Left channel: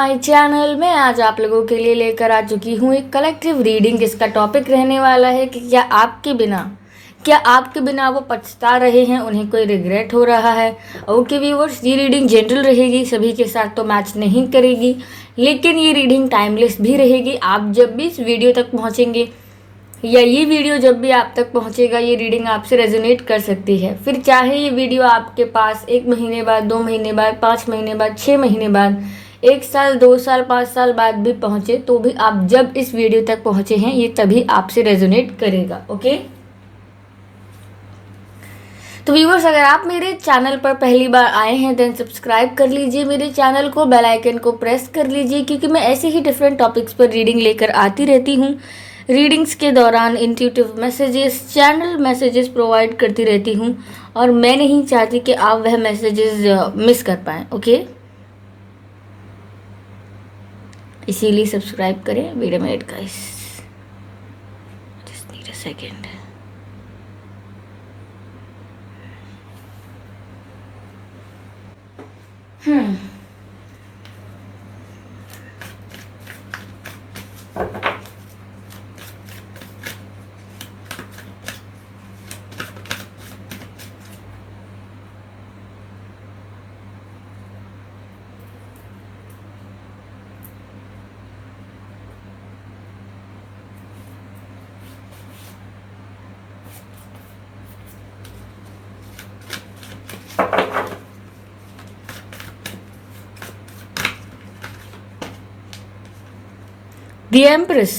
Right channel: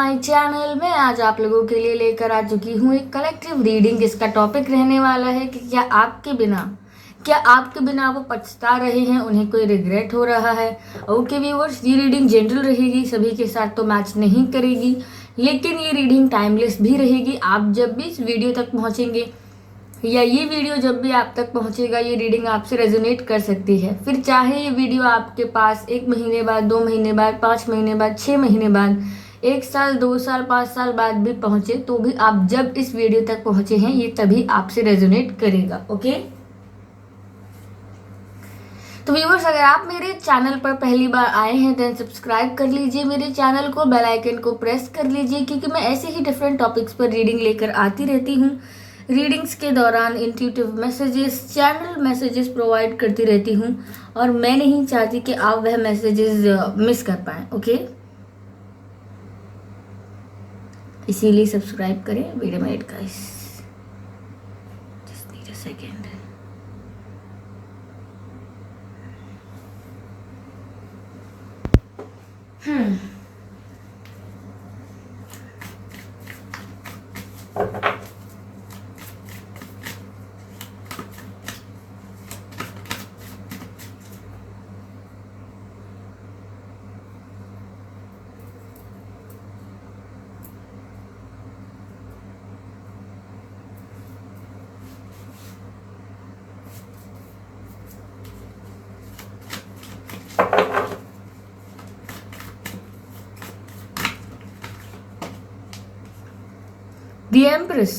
My channel. मैं आज आप लोगों के लिए लेकर आ चुकी हूँ एक कलेक्टिव रीडिंग। इसका टॉपिक रहने वाला है कि क्या आपके बिना वो पछता रहे हैं, उन्हें कोई रिग्रेट हो रहा है। ओके व्यूअर्स, ये रीडिंग जनरल रहेगी, सभी के साथ तो मैच नहीं करेगी, लेकिन ये रीडिंग टाइमलेस भी रहेगी। आप जब भी इस वीडियो तक पहुँचेंगे या ये वीडियो जब भी आप तक पहुंचेगा, ये रीडिंग आपसे रेजोनेट कर सकती है। फिर चाहे ये वीडियो आपके पास 1 महीने बाद, 2 महीने बाद, 5 महीने बाद, 6 महीने बाद, 1 साल, 2 साल, 5 साल बाद भी पहुंचे, तो भी आप जब इस वीडियो तक पहुंचे हैं, ये तभी आपसे रेजोनेट करेगा। ओके, तो व्यूअर्स, अगर आप मेरे चैनल पर पहली बार आए हैं देन सब्सक्राइब कर लीजिए मेरे चैनल को, बेल आइकन को प्रेस कर लीजिए, क्योंकि मैं ऐसे ही डिफरेंट टॉपिक्स पर रीडिंग लेकर आती रहती हूँ। रीडिंग्स के दौरान intuitive messages, channel messages provide करती रहती हूँ, और मैं नहीं चाहती कि आप वह मैसेजेस मिस कर पाएँ। ओके, इसीलिए सब्सक्राइब करें। Wait a minute guys, just need a second. The Empress.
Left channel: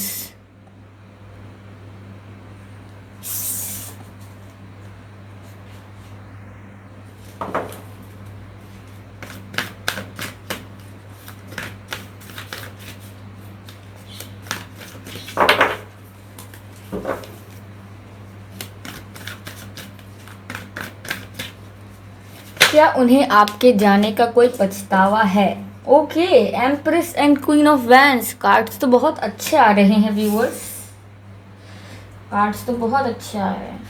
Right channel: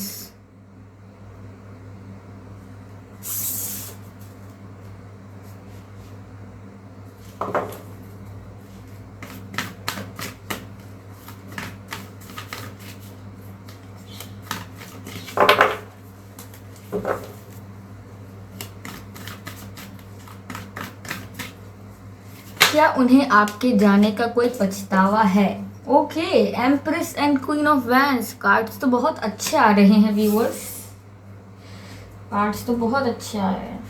क्या उन्हें आपके जाने का कोई पछतावा है? Okay, empress and queen of wands cards तो बहुत अच्छे आ रहे हैं व्यूअर्स, कार्ड्स तो बहुत अच्छे आ रहे हैं।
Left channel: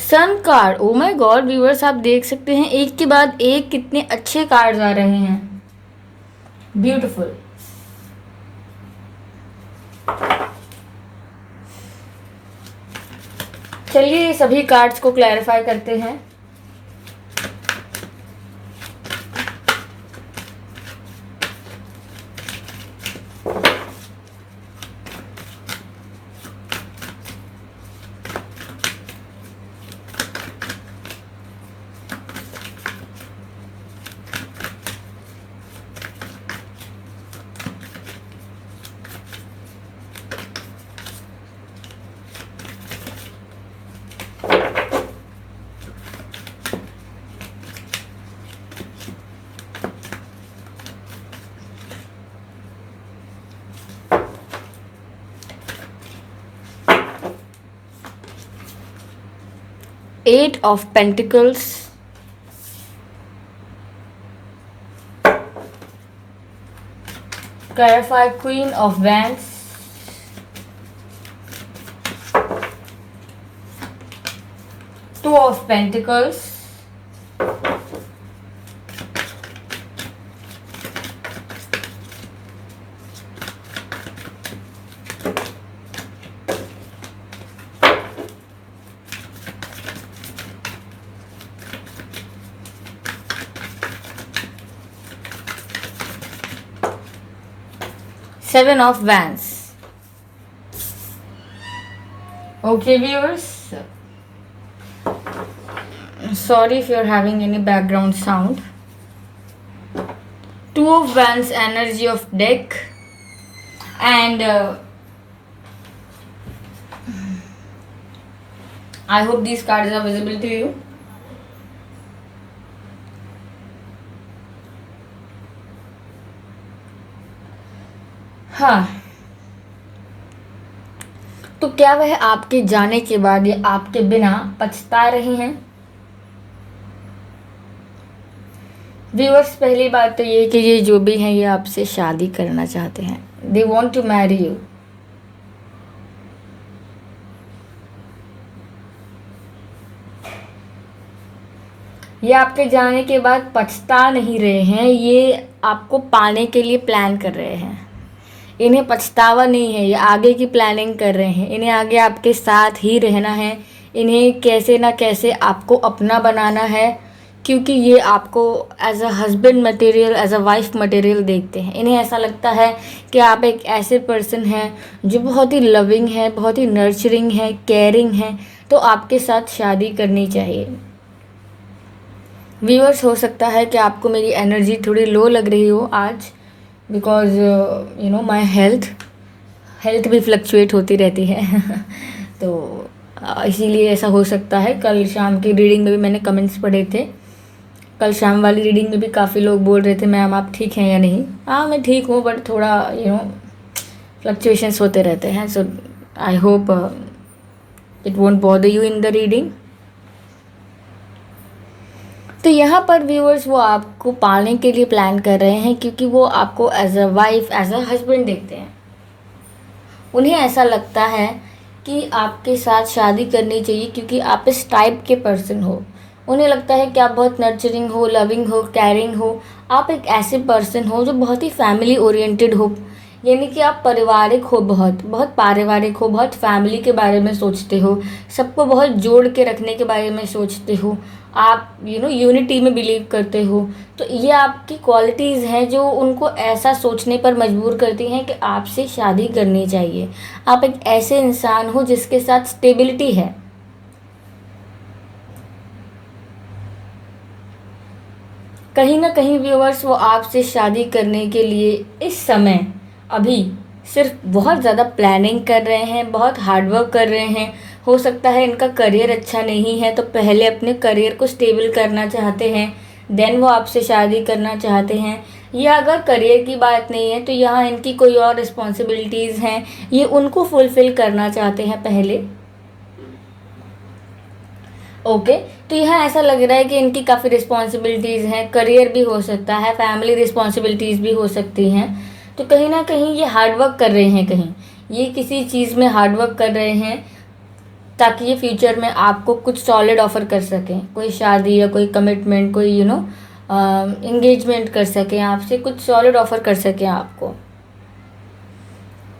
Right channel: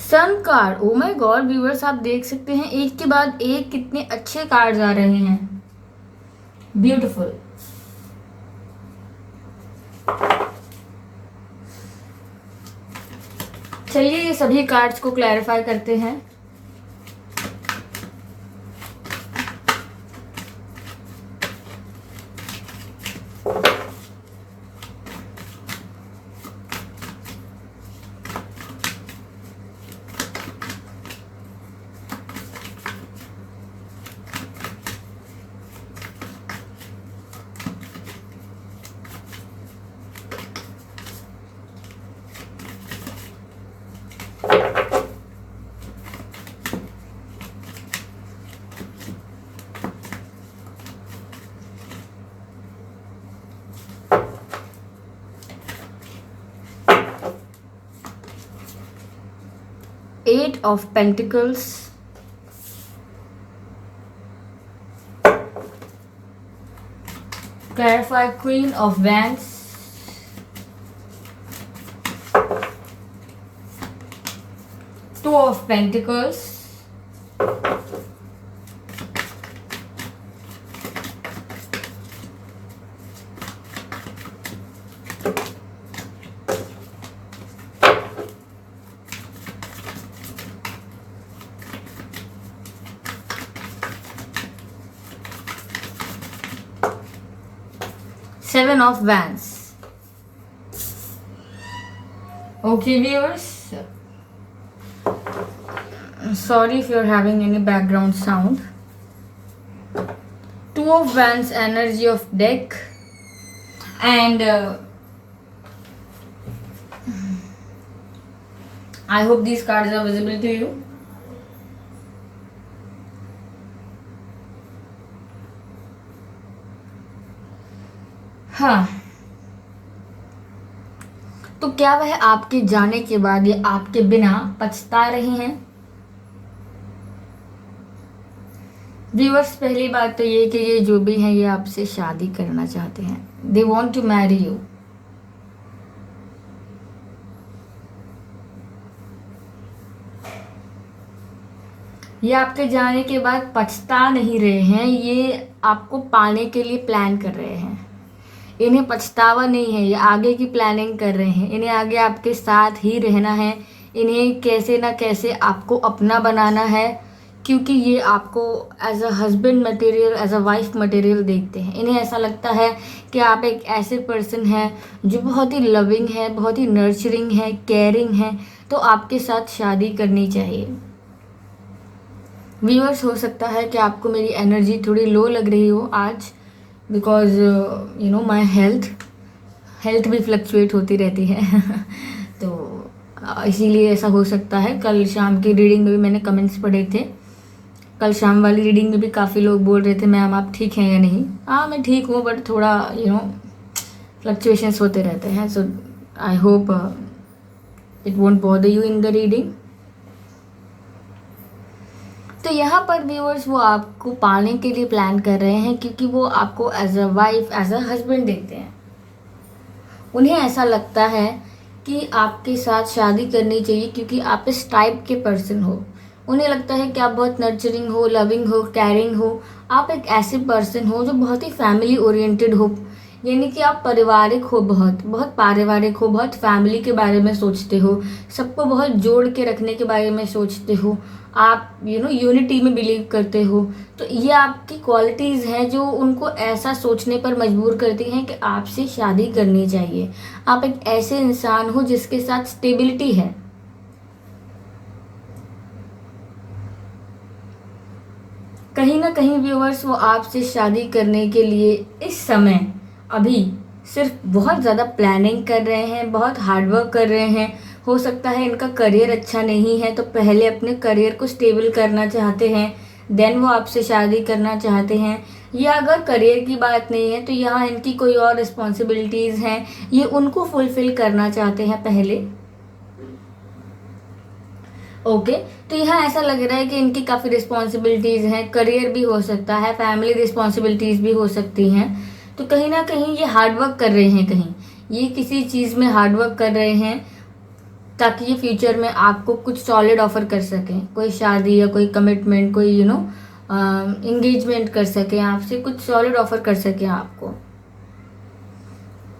Sun card, oh my god viewers, आप देख सकते हैं एक के बाद एक कितने अच्छे कार्ड्स आ रहे हैं। ब्यूटीफुल। चलिए सभी कार्ड्स को क्लैरिफाई करते हैं। Eight of Pentacles, clarify Queen of Wands, Two of Pentacles, Seven of Wands. Okay viewers, sorry if you're having any background sound. Two of Wands, energy of deck, and I hope these cards are visible to you. हाँ, तो क्या वह आपके जाने के बाद या आपके बिना पछता रहे हैं? व्यूअर्स, पहली बात तो ये कि ये जो भी हैं ये आपसे शादी करना चाहते हैं। They want to marry you. ये आपके जाने के बाद पछता नहीं रहे हैं, ये आपको पाने के लिए प्लान कर रहे हैं। इन्हें पछतावा नहीं है, ये आगे की प्लानिंग कर रहे हैं। इन्हें आगे आपके साथ ही रहना है, इन्हें कैसे ना कैसे आपको अपना बनाना है, क्योंकि ये आपको as a husband material, as a wife material देखते हैं। इन्हें ऐसा लगता है कि आप एक ऐसे पर्सन हैं जो बहुत ही लविंग है, बहुत ही नर्चरिंग है, केयरिंग है, तो आपके साथ शादी करनी चाहिए। व्यूअर्स, हो सकता है कि आपको मेरी एनर्जी थोड़ी लो लग रही हो आज, बिकॉज माई हेल्थ भी फ्लक्चुएट होती रहती है तो इसीलिए ऐसा हो सकता है। कल शाम की रीडिंग में भी मैंने कमेंट्स पढ़े थे, कल शाम वाली रीडिंग में भी काफ़ी लोग बोल रहे थे मैम आप ठीक हैं या नहीं। हाँ, मैं ठीक हूँ, बट थोड़ा फ्लक्चुएशंस होते रहते हैं। So I hope it won't bother you in the reading. तो यहाँ पर व्यूअर्स वो आपको पालने के लिए प्लान कर रहे हैं, क्योंकि वो आपको as a wife, as a husband देखते हैं। उन्हें ऐसा लगता है कि आपके साथ शादी करनी चाहिए, क्योंकि आप इस टाइप के पर्सन हो। उन्हें लगता है कि आप बहुत नर्चरिंग हो, लविंग हो, केयरिंग हो। आप एक ऐसे पर्सन हो जो बहुत ही फैमिली ओरिएंटेड हो, यानी कि आप पारिवारिक हो, बहुत बहुत पारिवारिक हो, बहुत फैमिली के बारे में सोचते हो, सबको बहुत जोड़ के रखने के बारे में सोचते हो। आप यूनिटी में बिलीव करते हो। तो ये आपकी क्वालिटीज़ हैं जो उनको ऐसा सोचने पर मजबूर करती हैं कि आपसे शादी करनी चाहिए। आप एक ऐसे इंसान हो जिसके साथ स्टेबिलिटी है। कहीं ना कहीं व्यूअर्स वो आपसे शादी करने के लिए इस समय अभी सिर्फ बहुत ज़्यादा प्लानिंग कर रहे हैं, बहुत हार्डवर्क कर रहे हैं। हो सकता है इनका करियर अच्छा नहीं है, तो पहले अपने करियर को स्टेबल करना चाहते हैं, देन वो आपसे शादी करना चाहते हैं। या अगर करियर की बात नहीं है तो यहाँ इनकी कोई और रिस्पॉन्सिबिलिटीज़ हैं, ये उनको फुलफ़िल करना चाहते हैं पहले। ओके, तो यहाँ ऐसा लग रहा है कि इनकी काफ़ी रिस्पॉन्सिबिलिटीज़ हैं, करियर भी हो सकता है, फैमिली रिस्पॉन्सिबिलिटीज़ भी हो सकती हैं। तो कहीं ना कहीं ये हार्डवर्क कर रहे हैं, कहीं ये किसी चीज़ में हार्डवर्क कर रहे हैं ताकि ये फ्यूचर में आपको कुछ सॉलिड ऑफर कर सकें, कोई शादी या कोई कमिटमेंट, कोई एंगेजमेंट कर सकें आपसे, कुछ सॉलिड ऑफर कर सकें आपको।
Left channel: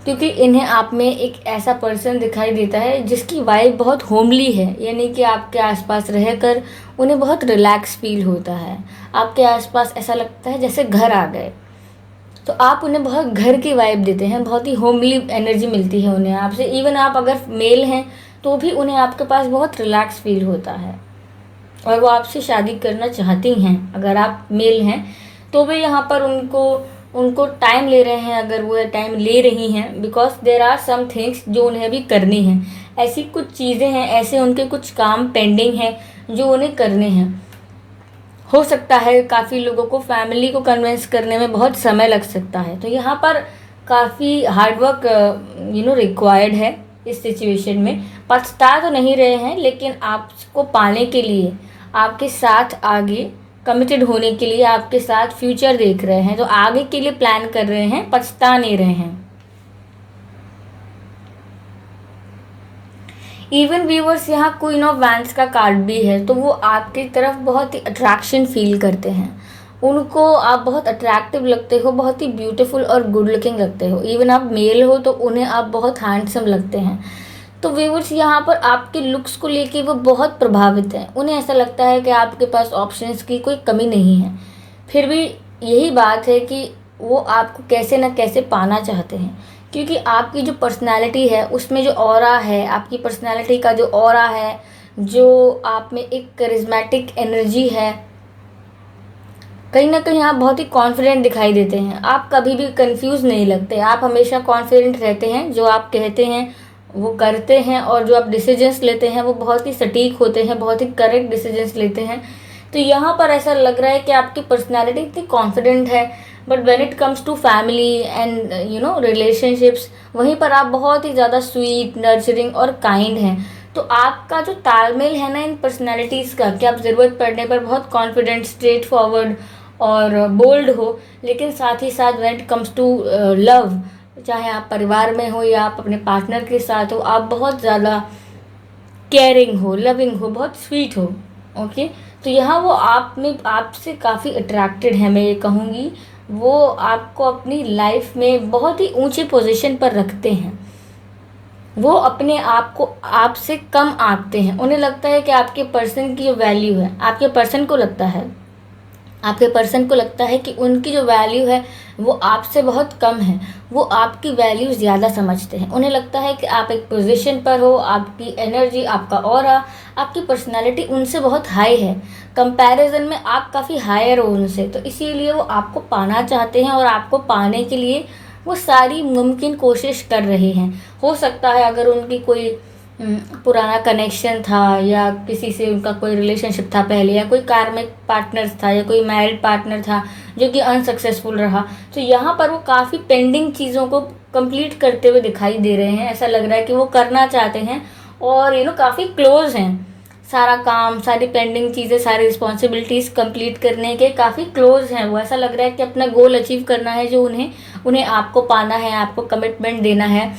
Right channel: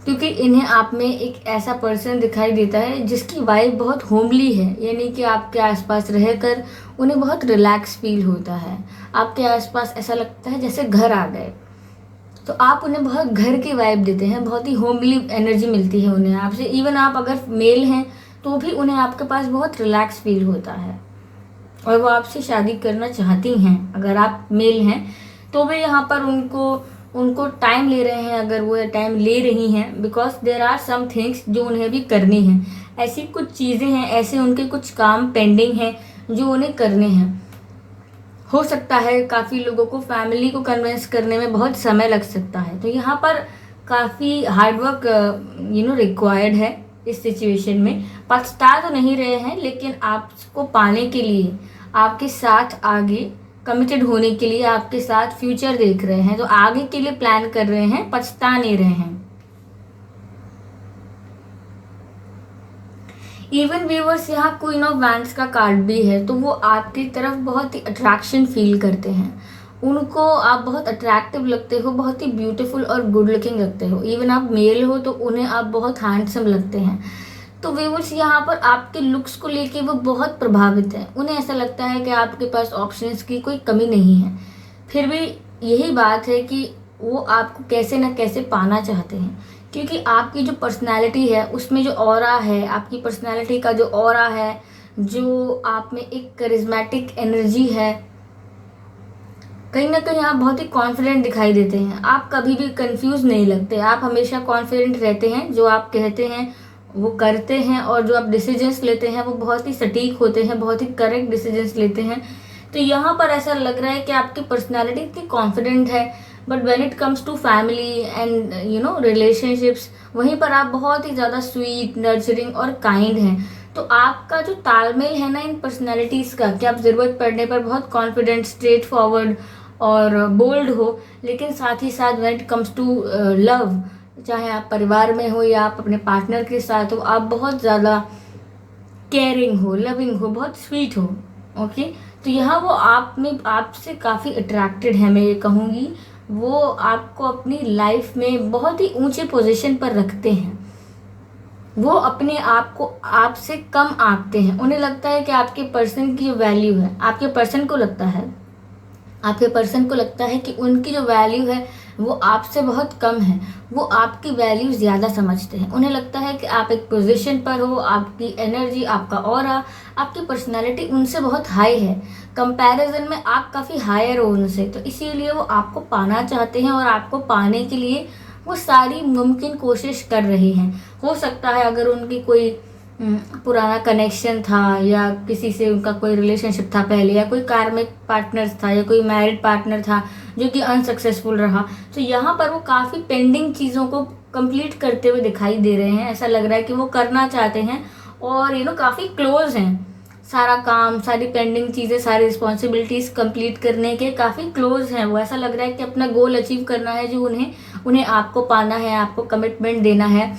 क्योंकि इन्हें आप में एक ऐसा पर्सन दिखाई देता है जिसकी वाइब बहुत होमली है, यानी कि आपके आसपास रहकर उन्हें बहुत रिलैक्स फील होता है। आपके आसपास ऐसा लगता है जैसे घर आ गए। तो आप उन्हें बहुत घर की वाइब देते हैं, बहुत ही होमली एनर्जी मिलती है उन्हें आपसे। इवन आप अगर मेल हैं तो भी उन्हें आपके पास बहुत रिलैक्स फील होता है और वो आपसे शादी करना चाहती हैं। अगर आप मेल हैं तो भी यहाँ पर उनको उनको टाइम ले रहे हैं, अगर वो टाइम ले रही हैं, because there are some things जो उन्हें भी करनी हैं। ऐसी कुछ चीज़ें हैं, ऐसे उनके कुछ काम पेंडिंग हैं जो उन्हें करने हैं। हो सकता है काफ़ी लोगों को फैमिली को कन्विंस करने में बहुत समय लग सकता है। तो यहाँ पर काफ़ी हार्डवर्क रिक्वायर्ड है इस सिचुएशन में। पछता तो नहीं रहे हैं, लेकिन आपको पाने के लिए, आपके साथ आगे कमिटेड होने के लिए, आपके साथ फ्यूचर देख रहे हैं, तो आगे के लिए प्लान कर रहे हैं, पछता नहीं रहे हैं। इवन व्यूअर्स, यहाँ क्वीन ऑफ वैंड्स का कार्ड भी है, तो वो आपकी तरफ बहुत ही अट्रैक्शन फील करते हैं। उनको आप बहुत अट्रैक्टिव लगते हो, बहुत ही ब्यूटीफुल और गुड लुकिंग लगते हो। इवन आप मेल हो तो उन्हें आप बहुत हैंडसम लगते हैं। तो व्यूअर्स, यहाँ पर आपके लुक्स को लेके वो बहुत प्रभावित हैं। उन्हें ऐसा लगता है कि आपके पास ऑप्शंस की कोई कमी नहीं है। फिर भी यही बात है कि वो आपको कैसे न कैसे पाना चाहते हैं, क्योंकि आपकी जो पर्सनालिटी है उसमें जो ऑरा है, आपकी पर्सनालिटी का जो ऑरा है, जो आप में एक करिज्मेटिक एनर्जी है, कहीं ना कहीं आप बहुत ही कॉन्फिडेंट दिखाई देते हैं। आप कभी भी कंफ्यूज नहीं लगते, आप हमेशा कॉन्फिडेंट रहते हैं। जो आप कहते हैं वो करते हैं, और जो आप डिसीजंस लेते हैं वो बहुत ही सटीक होते हैं, बहुत ही करेक्ट डिसीजंस लेते हैं। तो यहाँ पर ऐसा लग रहा है कि आपकी पर्सनालिटी इतनी कॉन्फिडेंट है, but when it comes to family and relationships, वहीं पर आप बहुत ही ज़्यादा स्वीट, नर्चरिंग और काइंड हैं। तो आपका जो तालमेल है ना इन पर्सनैलिटीज़ का, कि आप ज़रूरत पड़ने पर बहुत कॉन्फिडेंट, स्ट्रेट फॉरवर्ड और बोल्ड हो, लेकिन साथ ही साथ when it comes to love, चाहे आप परिवार में हो या आप अपने पार्टनर के साथ हो, आप बहुत ज़्यादा केयरिंग हो, लविंग हो, बहुत स्वीट हो। ओके, तो यहाँ वो आप में आपसे काफ़ी अट्रैक्टेड है, मैं ये कहूँगी। वो आपको अपनी लाइफ में बहुत ही ऊंचे पोजीशन पर रखते हैं। वो अपने आप को आपसे कम आंकते हैं। उन्हें लगता है कि आपके पर्सन की जो वैल्यू है, आपके पर्सन को लगता है कि उनकी जो वैल्यू है वो आपसे बहुत कम है। वो आपकी वैल्यू ज़्यादा समझते हैं। उन्हें लगता है कि आप एक पोजीशन पर हो, आपकी एनर्जी, आपका ऑरा, आपकी पर्सनालिटी उनसे बहुत हाई है। कंपैरिजन में आप काफ़ी हायर हो उनसे, तो इसीलिए वो आपको पाना चाहते हैं और आपको पाने के लिए वो सारी मुमकिन कोशिश कर रहे हैं। हो सकता है अगर उनकी कोई पुराना कनेक्शन था या किसी से उनका कोई रिलेशनशिप था पहले, या कोई कार्मिक पार्टनर था या कोई मैरिड पार्टनर था जो कि अनसक्सेसफुल रहा, तो यहाँ पर वो काफ़ी पेंडिंग चीज़ों को कंप्लीट करते हुए दिखाई दे रहे हैं। ऐसा लग रहा है कि वो करना चाहते हैं और काफ़ी क्लोज हैं। सारा काम, सारी पेंडिंग चीज़ें, सारी रिस्पॉन्सिबिलिटीज़ कंप्लीट करने के काफ़ी क्लोज हैं वो। ऐसा लग रहा है कि अपना गोल अचीव करना है, जो उन्हें उन्हें आपको पाना है, आपको कमिटमेंट देना है,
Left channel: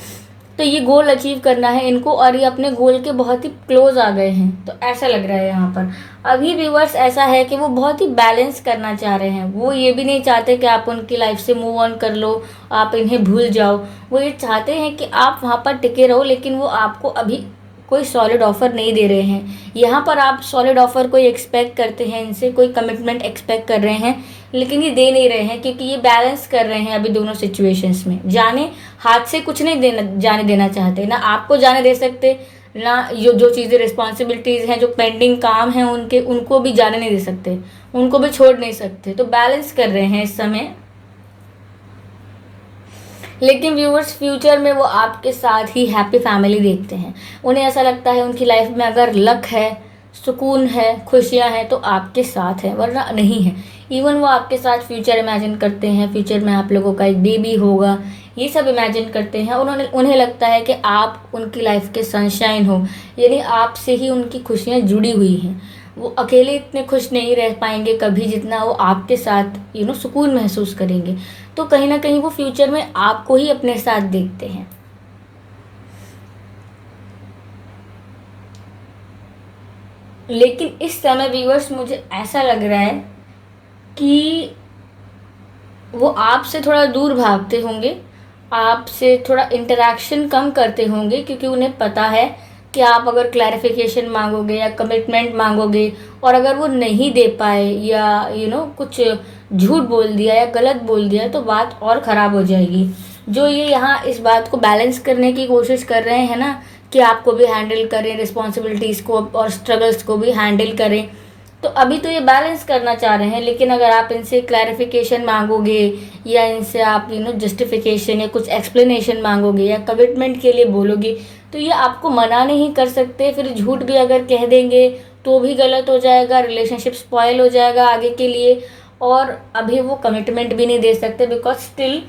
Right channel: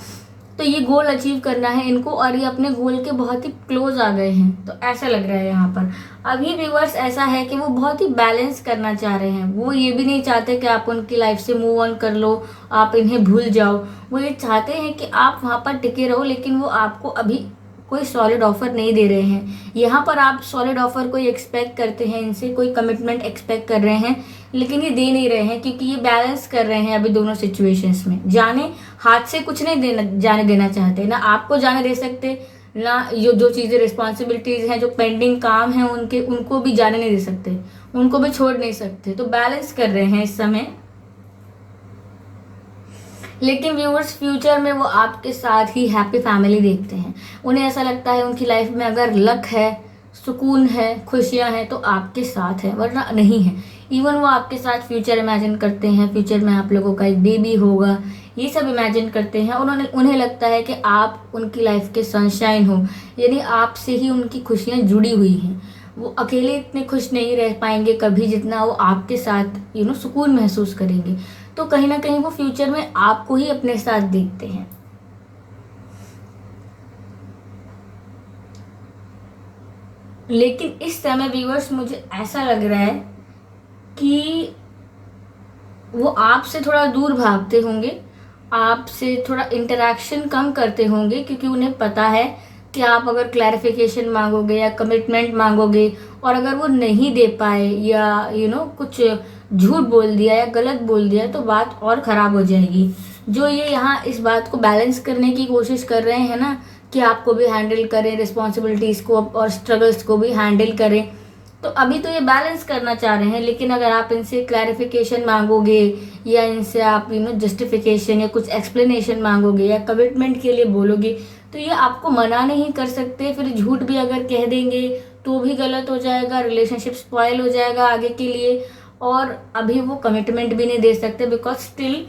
तो ये गोल अचीव करना है इनको, और ये अपने गोल के बहुत ही क्लोज आ गए हैं। तो ऐसा लग रहा है यहाँ पर अभी व्यूअर्स ऐसा है कि वो बहुत ही बैलेंस करना चाह रहे हैं। वो ये भी नहीं चाहते कि आप उनकी लाइफ से मूव ऑन कर लो, आप इन्हें भूल जाओ। वो ये चाहते हैं कि आप वहाँ पर टिके रहो, लेकिन वो आपको अभी कोई सॉलिड ऑफर नहीं दे रहे हैं। यहाँ पर आप सॉलिड ऑफर कोई एक्सपेक्ट करते हैं इनसे, कोई कमिटमेंट एक्सपेक्ट कर रहे हैं, लेकिन ये दे नहीं रहे हैं क्योंकि ये बैलेंस कर रहे हैं अभी दोनों सिचुएशंस में। हाथ से कुछ नहीं जाने देना चाहते, ना आपको जाने दे सकते, ना जो चीज़ें रिस्पॉन्सिबिलिटीज़ हैं, जो पेंडिंग काम हैं उनके, उनको भी जाने नहीं दे सकते, उनको भी छोड़ नहीं सकते। तो बैलेंस कर रहे हैं इस समय। लेकिन व्यूअर्स फ्यूचर में वो आपके साथ ही हैप्पी फैमिली देखते हैं। उन्हें ऐसा लगता है उनकी लाइफ में अगर लक है, सुकून है, खुशियां हैं, तो आपके साथ है, वरना नहीं है। इवन वो आपके साथ फ्यूचर इमेजिन करते हैं, फ्यूचर में आप लोगों का एक बेबी होगा, ये सब इमेजिन करते हैं। उन्हें लगता है कि आप उनकी लाइफ के सनशाइन हो, यानी आपसे ही उनकी खुशियाँ जुड़ी हुई हैं। वो अकेले इतने खुश नहीं रह पाएंगे कभी जितना वो आपके साथ सुकून महसूस करेंगे। तो कहीं ना कहीं वो फ्यूचर में आपको ही अपने साथ देखते हैं। लेकिन इस समय व्यूअर्स मुझे ऐसा लग रहा है कि वो आपसे थोड़ा दूर भागते होंगे, आपसे थोड़ा इंटरेक्शन कम करते होंगे, क्योंकि उन्हें पता है कि आप अगर क्लैरिफिकेशन मांगोगे या कमिटमेंट मांगोगे और अगर वो नहीं दे पाए या कुछ झूठ बोल दिया या गलत बोल दिया, तो बात और ख़राब हो जाएगी। जो ये यहाँ इस बात को बैलेंस करने की कोशिश कर रहे हैं ना, कि आपको भी हैंडल करें, रिस्पॉन्सिबिलिटीज़ को और स्ट्रगल्स को भी हैंडल करें, तो अभी तो ये बैलेंस करना चाह रहे हैं। लेकिन अगर आप इनसे क्लैरिफिकेशन मांगोगे या इनसे आप जस्टिफिकेशन या कुछ एक्सप्लेनेशन मांगोगे या कमिटमेंट के लिए बोलोगे, तो ये आपको मना नहीं कर सकते। फिर झूठ भी अगर कह देंगे तो भी गलत हो जाएगा, रिलेशनशिप स्पॉयल हो जाएगा आगे के लिए, और अभी वो कमिटमेंट भी नहीं दे सकते, बिकॉज स्टिल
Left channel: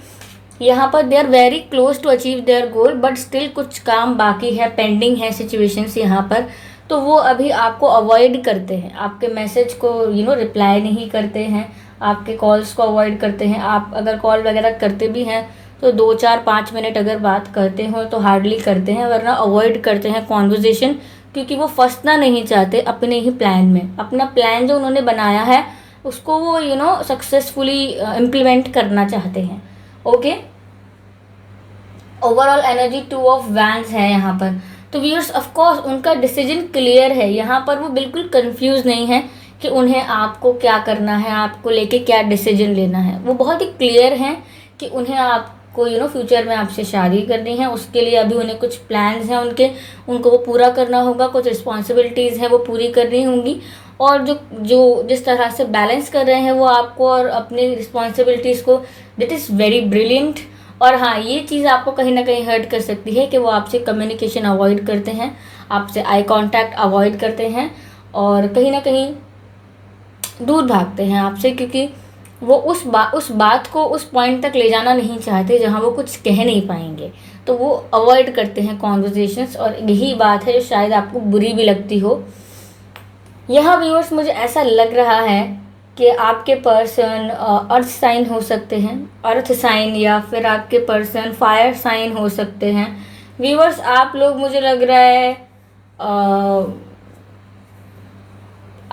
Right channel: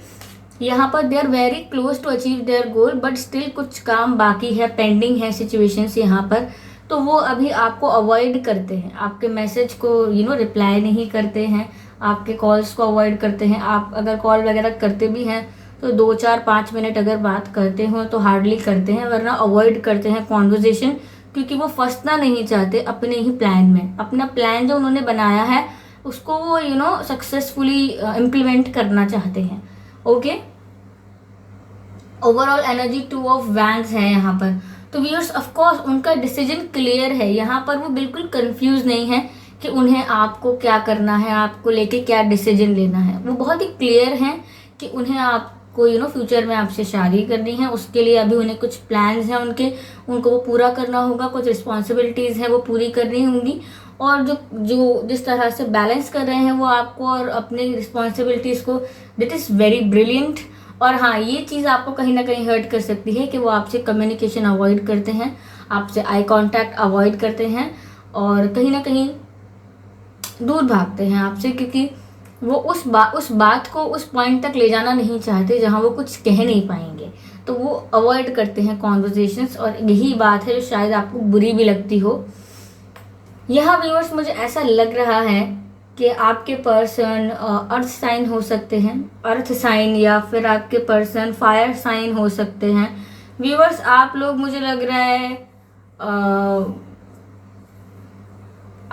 यहाँ पर they are very close to achieve their goal, but still कुछ काम बाकी है, पेंडिंग है सिचुएशंस यहाँ पर। तो वो अभी आपको अवॉइड करते हैं, आपके मैसेज को रिप्लाई नहीं करते हैं, आपके कॉल्स को अवॉइड करते हैं। आप अगर कॉल वगैरह करते भी हैं तो 2 4 5 मिनट अगर बात करते हो तो हार्डली करते हैं, वरना अवॉइड करते हैं कॉन्वर्जेसन, क्योंकि वो फंसना नहीं चाहते अपने ही प्लान में। अपना प्लान जो उन्होंने बनाया है उसको वो सक्सेसफुली इम्प्लीमेंट करना चाहते हैं। Okay, overall energy 2 of wands है यहाँ पर। तो व्यूअर्स ऑफ कोर्स उनका डिसीजन क्लियर है, यहाँ पर वो बिल्कुल कंफ्यूज नहीं है कि उन्हें आपको क्या करना है, आपको लेके क्या डिसीजन लेना है। वो बहुत ही क्लियर हैं कि उन्हें आपको फ्यूचर में आपसे शादी करनी है। उसके लिए अभी उन्हें कुछ प्लान्स हैं उनको वो पूरा करना होगा, कुछ रिस्पॉन्सिबिलिटीज़ हैं वो पूरी करनी होंगी। और जो जो जिस तरह से बैलेंस कर रहे हैं वो आपको और अपनी रिस्पॉन्सिबिलिटीज़ को, दैट इज़ वेरी ब्रिलियंट। और हाँ, ये चीज़ आपको कहीं ना कहीं हर्ट कर सकती है कि वो आपसे कम्युनिकेशन अवॉइड करते हैं, आपसे आई कांटेक्ट अवॉइड करते हैं, और कहीं ना कहीं दूर भागते हैं आपसे, क्योंकि वो उस बात को उस पॉइंट तक ले जाना नहीं चाहते जहाँ वो कुछ कह नहीं पाएंगे। तो वो अवॉइड करते हैं कॉन्वर्जेशंस, और यही बात है जो शायद आपको बुरी भी लगती हो। यह व्यूअर्स मुझे ऐसा लग रहा है कि आपके पर्सन अर्थ साइन हो सकते हैं, अर्थ साइन, या फिर आपके पर्सन फायर साइन हो सकते हैं। व्यूअर्स, आप लोग, मुझे लग रहा है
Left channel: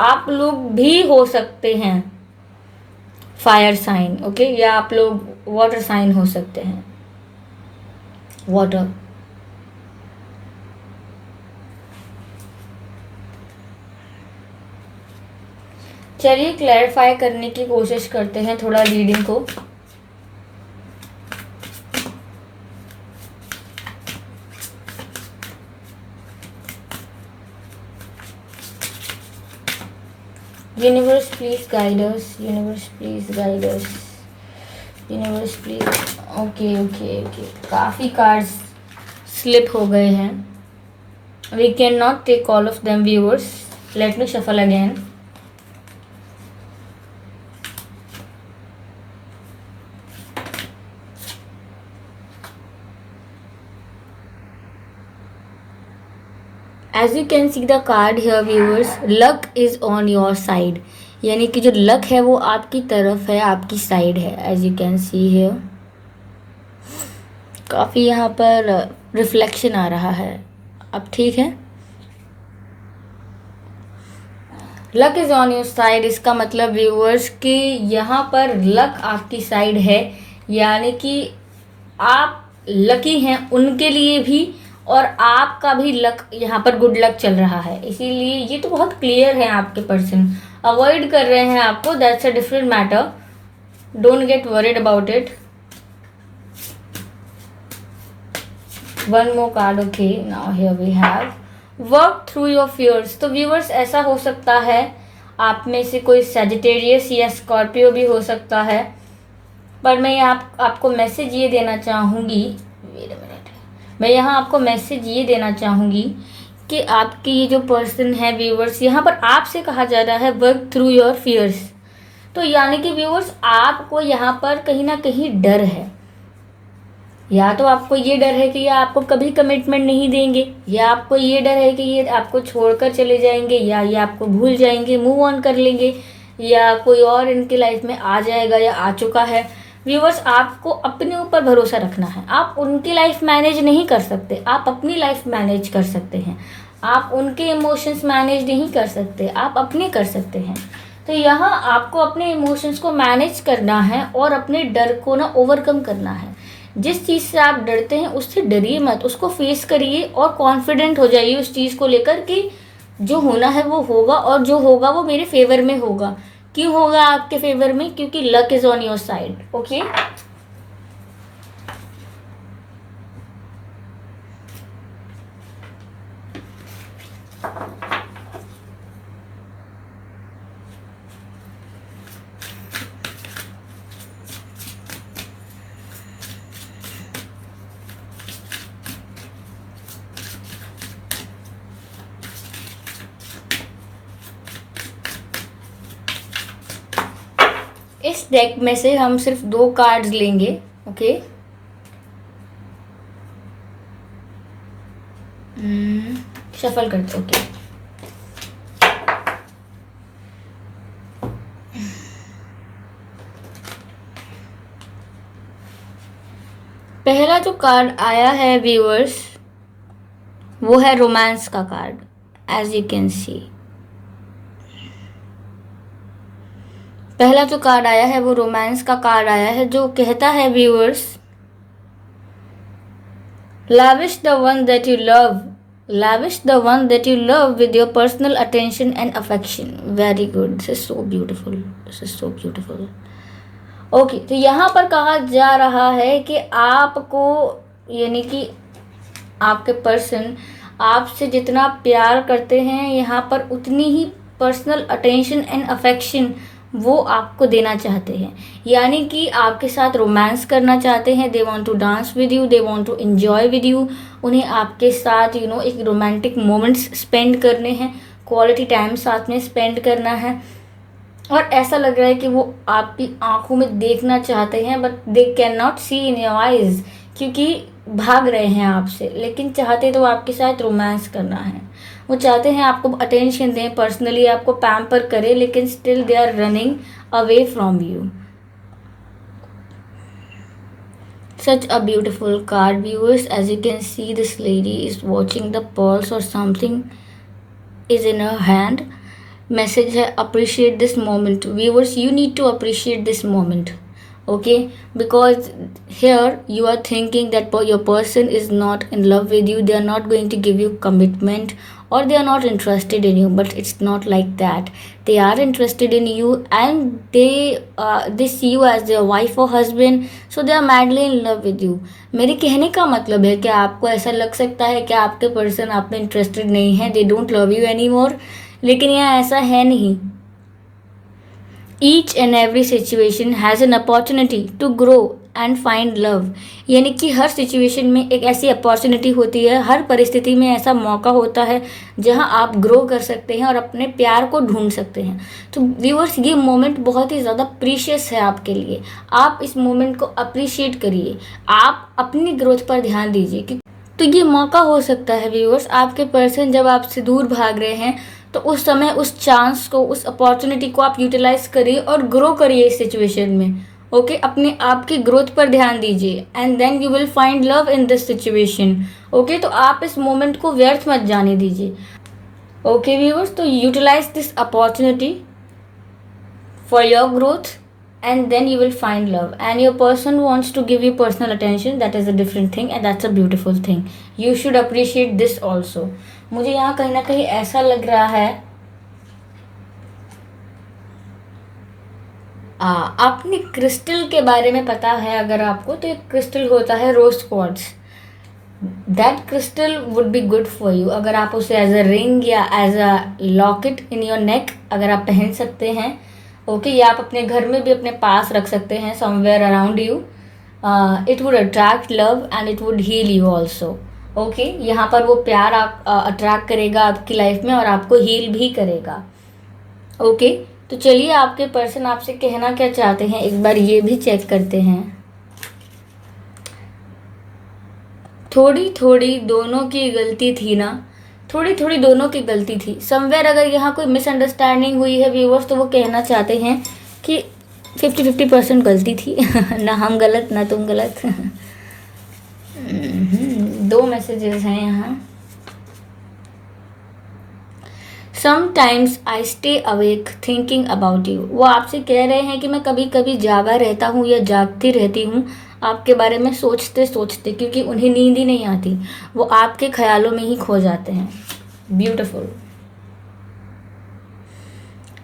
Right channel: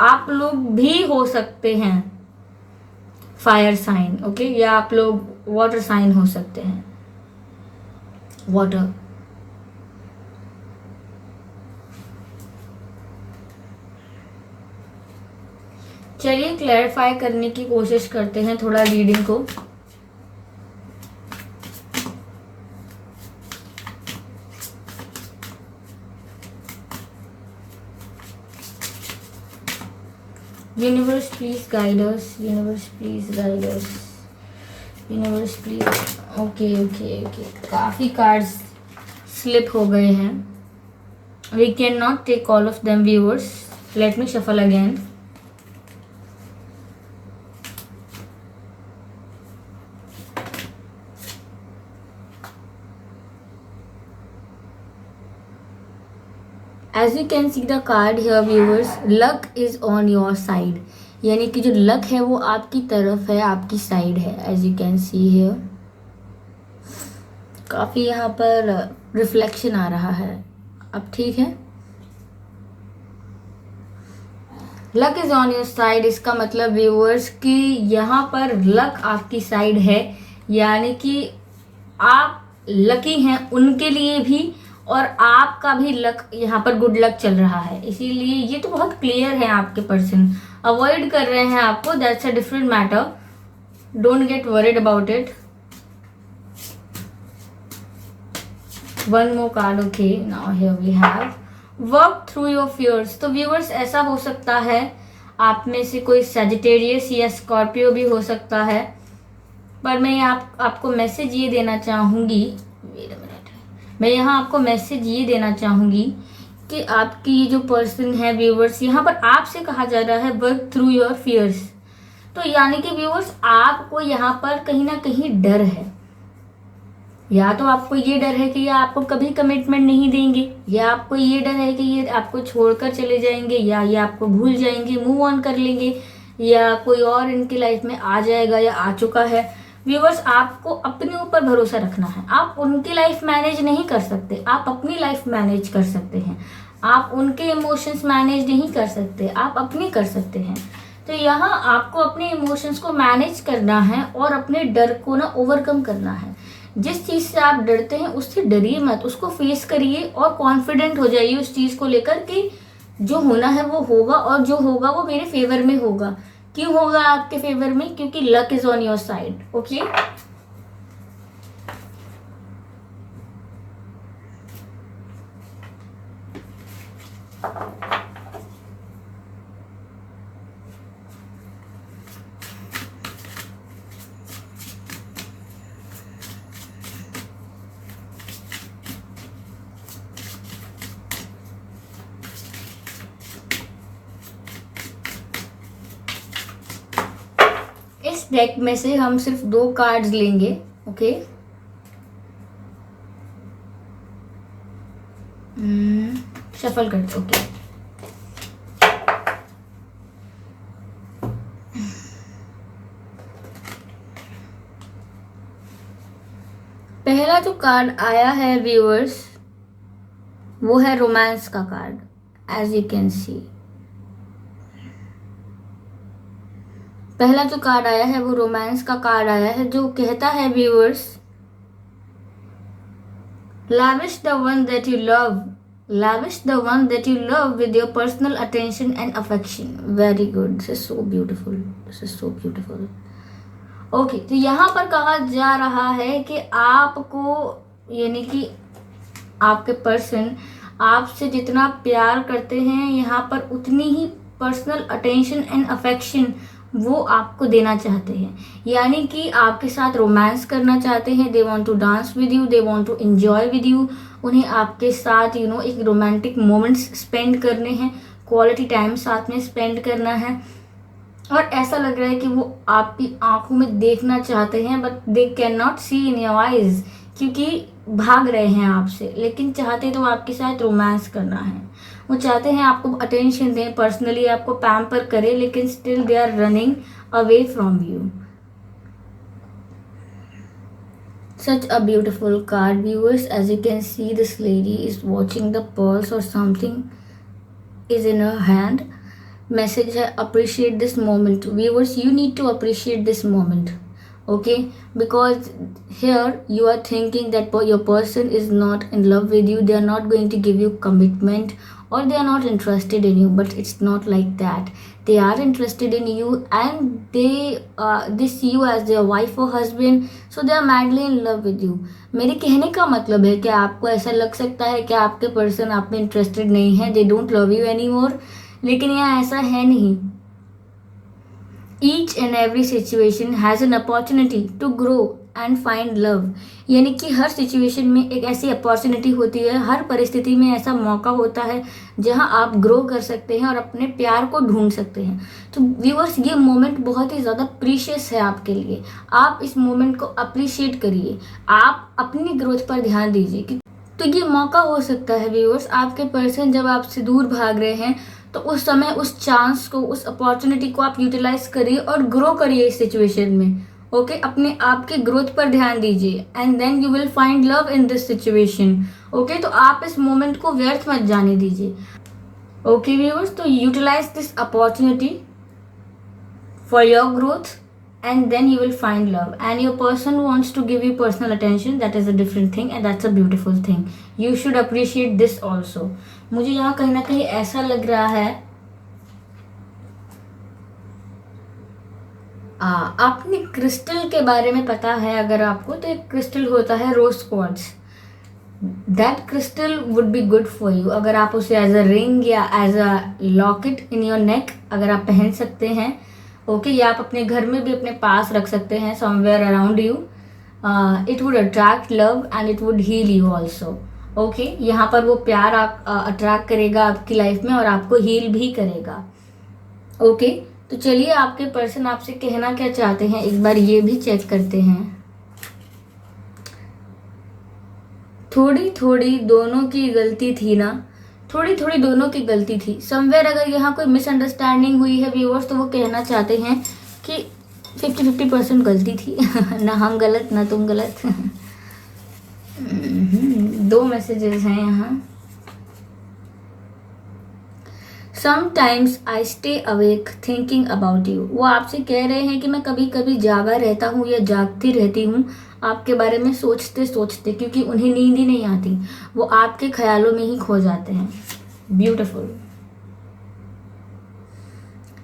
आप लोग भी हो सकते हैं फायर साइन, ओके, या आप लोग वाटर साइन हो सकते हैं, वाटर। चलिए क्लैरिफाई करने की कोशिश करते हैं थोड़ा रीडिंग को। Universe please guide us, universe please guide us, universe please. Okay okay okay, काफ़ी कार्ड्स स्लिप हो गए हैं। We can not take all of them viewers, let me shuffle again. As you can see the card here viewers, luck is on your side, यानी कि जो luck है वो आपकी तरफ है, आपकी साइड है। As you can see here, काफ़ी यहाँ पर रिफ्लेक्शन आ रहा है। अब ठीक है, luck is on your side, इसका मतलब व्यूअर्स कि यहाँ पर लक आपकी साइड है, यानी कि आप लकी हैं उनके लिए भी, और आपका भी लक यहाँ पर गुड लक चल रहा है। इसीलिए ये तो बहुत क्लियर है, आपके पर्सन अवॉइड कर रहे हैं आपको, that's a different matter, don't get worried about it. One more card, okay, now here we have work through your fears. तो व्यूअर्स, ऐसा हो सकता है आप में से कोई सैजिटेरियस या स्कॉर्पियो भी हो सकता है, पर मैं आपको मैसेज ये देना चाहूँगी, मैं यहाँ आपको मैसेज ये देना चाहूँगी कि आपकी ये जो पर्सन है व्यूअर्स, यहाँ पर आपसे कहा जा रहा है वर्क थ्रू योर फियर्स। तो यानी कि व्यूअर्स, आपको यहाँ पर कहीं ना कहीं डर है, या तो आपको ये डर है कि ये आपको कभी कमिटमेंट नहीं देंगे, या आपको ये डर है कि ये आपको छोड़कर चले जाएंगे, या ये आपको भूल जाएंगे, मूव ऑन कर लेंगे, या कोई और इनकी लाइफ में आ जाएगा या आ चुका है। व्यूवर्स, आपको अपने ऊपर भरोसा रखना है। आप उनकी लाइफ मैनेज नहीं कर सकते, आप अपनी लाइफ मैनेज कर सकते हैं। आप उनके इमोशंस मैनेज नहीं कर सकते, आप अपने कर सकते हैं। तो यहाँ आपको अपने इमोशंस को मैनेज करना है और अपने डर को ना ओवरकम करना है। जिस चीज़ से आप डरते हैं उससे डरिए मत, उसको फेस करिए और कॉन्फिडेंट हो जाइए उस चीज़ को लेकर कि जो होना है वो होगा, और जो होगा वो मेरे फेवर में होगा। क्यों होगा आपके फेवर में? क्योंकि luck is on your side, okay. इस डेक में से हम सिर्फ 2 कार्ड्स लेंगे, ओके। शफल करते, ओके। पहला जो कार्ड आया है व्यूअर्स, वो है रोमांस का card, as you can see. पहला जो कार्ड आया है वो रोमांस का कार्ड आया है, जो कहता है viewers, lavish the one that you love, lavish the one that you love with your personal attention and affection. Very good, this is so beautiful, this is so beautiful. Okay, तो यहाँ पर कहा जा रहा है कि आपको, यानी कि आपके पर्सन आपसे जितना प्यार करते हैं, यहाँ पर उतनी ही पर्सनल अटेंशन एंड अफेक्शन वो आपको देना चाहते हैं। यानी कि आपके साथ रोमांस करना चाहते हैं, they want to dance with you, they want to enjoy with you. उन्हें आपके साथ एक रोमांटिक मोमेंट्स स्पेंड करने हैं, क्वालिटी टाइम साथ में स्पेंड करना है। और ऐसा लग रहा है कि वो आपकी आंखों में देखना चाहते हैं, but they can not see in your eyes, क्योंकि भाग रहे हैं आपसे, लेकिन चाहते तो आपके साथ रोमांस करना है। वो चाहते हैं आपको अटेंशन दें, पर्सनली आपको पैम्पर करें, लेकिन still they are running away from you. Such a beautiful card, viewers. As you can see, this lady is watching the pulse or something is in her hand. Message है, appreciate this moment. Viewers, you need to appreciate this moment. Okay, because here you are thinking that your person is not in love with you, they are not going to give you commitment, or they are not interested in you, but it's not like that. They are interested in you, and they see you as their wife or husband, so they are madly in love with you. मेरे कहने का मतलब है कि आपको ऐसा लग सकता है कि आपके पर्सन आप में इंटरेस्टेड नहीं है, they don't love you anymore, लेकिन यहाँ ऐसा है नहीं। Each and every situation has an opportunity to grow and find love. यानी कि हर सिचुएशन में एक ऐसी अपॉर्चुनिटी होती है, हर परिस्थिति में ऐसा मौका होता है जहां आप ग्रो कर सकते हैं और अपने प्यार को ढूंढ सकते हैं। तो व्यूअर्स, ये मोमेंट बहुत ही ज़्यादा प्रीशियस है आपके लिए। आप इस मोमेंट को अप्रिशिएट करिए, आप अपनी ग्रोथ पर ध्यान दीजिए। तो ये मौका हो सकता है व्यूअर्स, आपके पर्सन जब आपसे दूर भाग रहे हैं तो उस समय उस चांस को, उस अपॉर्चुनिटी को आप यूटिलाइज करिए और ग्रो करिए इस सिचुएशन में। ओके, अपने आप की ग्रोथ पर ध्यान दीजिए, and then you will find love in this situation. Okay, तो आप इस मोमेंट को व्यर्थ मत जाने दीजिए। ओके व्यूअर्स, तो utilize this opportunity for your growth, and then you will find love, and your person wants to give you personal attention. That is a different thing, and that's a beautiful thing. You should appreciate this also. मुझे यहाँ कहीं ना कहीं ऐसा लग रहा है आपने क्रिस्टल के बारे में पता है अगर आपको, तो एक क्रिस्टल होता है rose quartz. That crystal would be good for you. अगर आप उसे एज अ रिंग या as a locket in your neck अगर आप पहन सकते हैं, ओके, या आप अपने घर में भी अपने पास रख सकते हैं, somewhere around you, it would attract love and it would heal you also. Okay, यहाँ पर वो प्यार आप अट्रैक्ट करेगा आपकी लाइफ में और आपको हील भी करेगा। ओके, तो चलिए आपके पर्सन आपसे कहना क्या चाहते हैं एक बार ये भी चेक करते हैं। थोड़ी थोड़ी दोनों की गलती थी ना, थोड़ी थोड़ी दोनों की गलती थी। समवेयर अगर यहाँ कोई मिसअंडरस्टैंडिंग हुई है व्यूअर्स, तो वो कहना चाहते हैं कि 50-50% गलती थी ना हम गलत ना तुम गलत। दो मैसेजेस हैं यहाँ। Sometimes I stay awake thinking about you. वो आपसे कह रहे हैं कि मैं कभी कभी जागा रहता हूँ या जागती रहती हूँ आपके बारे में सोचते सोचते, क्योंकि उन्हें नींद ही नहीं आती, वो आपके ख्यालों में ही खो जाते हैं। ब्यूटिफुल।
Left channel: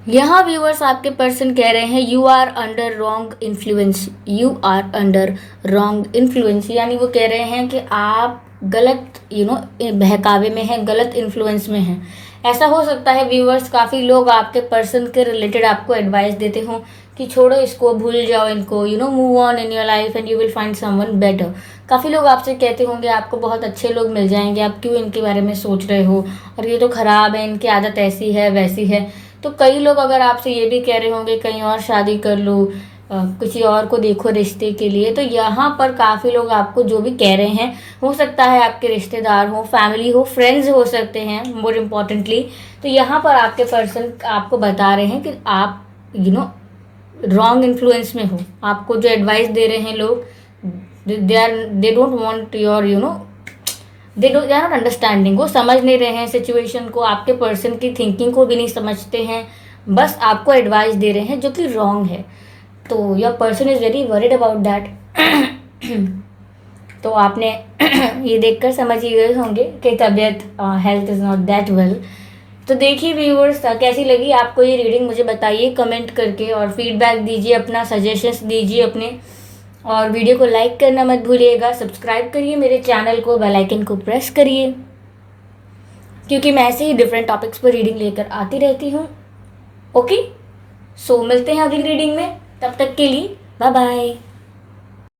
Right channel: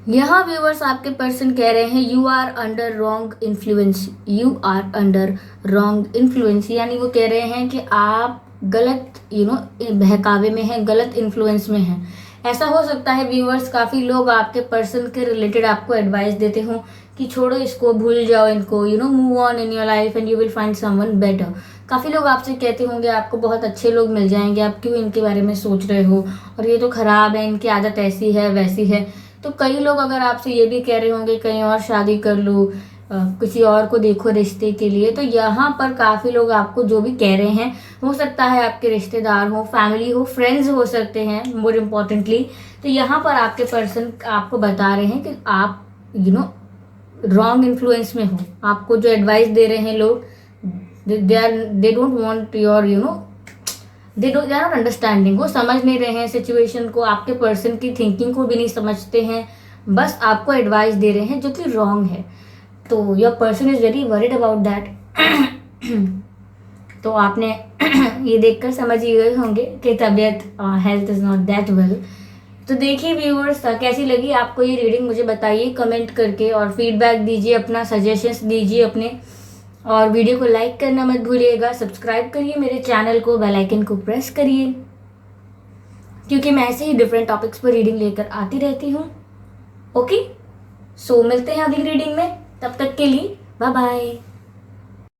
यहाँ व्यूअर्स आपके पर्सन कह रहे हैं you are under wrong influence, you are under wrong influence. यानी वो कह रहे हैं कि आप गलत बहकावे में हैं, गलत इन्फ्लुएंस में हैं। ऐसा हो सकता है व्यूअर्स, काफ़ी लोग आपके पर्सन के रिलेटेड आपको एडवाइस देते हों कि छोड़ो इसको, भूल जाओ इनको, move on in your life and you will find someone better. काफ़ी लोग आपसे कहते होंगे आपको बहुत अच्छे लोग मिल जाएंगे, आप क्यों इनके बारे में सोच रहे हो, और ये तो ख़राब है, इनकी आदत ऐसी है वैसी है। तो कई लोग अगर आपसे ये भी कह रहे होंगे कहीं और शादी कर लो, किसी और को देखो रिश्ते के लिए। तो यहाँ पर काफ़ी लोग आपको जो भी कह रहे हैं, हो सकता है आपके रिश्तेदार हो, फैमिली हो, फ्रेंड्स हो सकते हैं मोर इम्पॉर्टेंटली। तो यहाँ पर आपके पर्सन आपको बता रहे हैं कि आप रॉन्ग इन्फ्लुएंस में हो। आपको जो एडवाइस दे रहे हैं लोग, they don't want your they are not understanding. वो समझ नहीं रहे हैं सिचुएशन को, आपके पर्सन की थिंकिंग को भी नहीं समझते हैं, बस आपको एडवाइस दे रहे हैं जो कि रॉन्ग है। तो your person is very worried about that. तो आपने ये देखकर समझ ही गए होंगे कि तबीयत, health is not that well. तो देखिए व्यूअर्स, कैसी लगी आपको ये रीडिंग मुझे बताइए कमेंट करके, और फीडबैक दीजिए, अपना सजेशंस दीजिए अपने, और वीडियो को लाइक करना मत भूलिएगा। सब्सक्राइब करिए मेरे चैनल को, बेल आइकन को प्रेस करिए, क्योंकि मैं ऐसे ही डिफरेंट टॉपिक्स पर रीडिंग लेकर आती रहती हूँ। ओके, सो मिलते हैं अगली रीडिंग में, तब तक के लिए बाय बाय।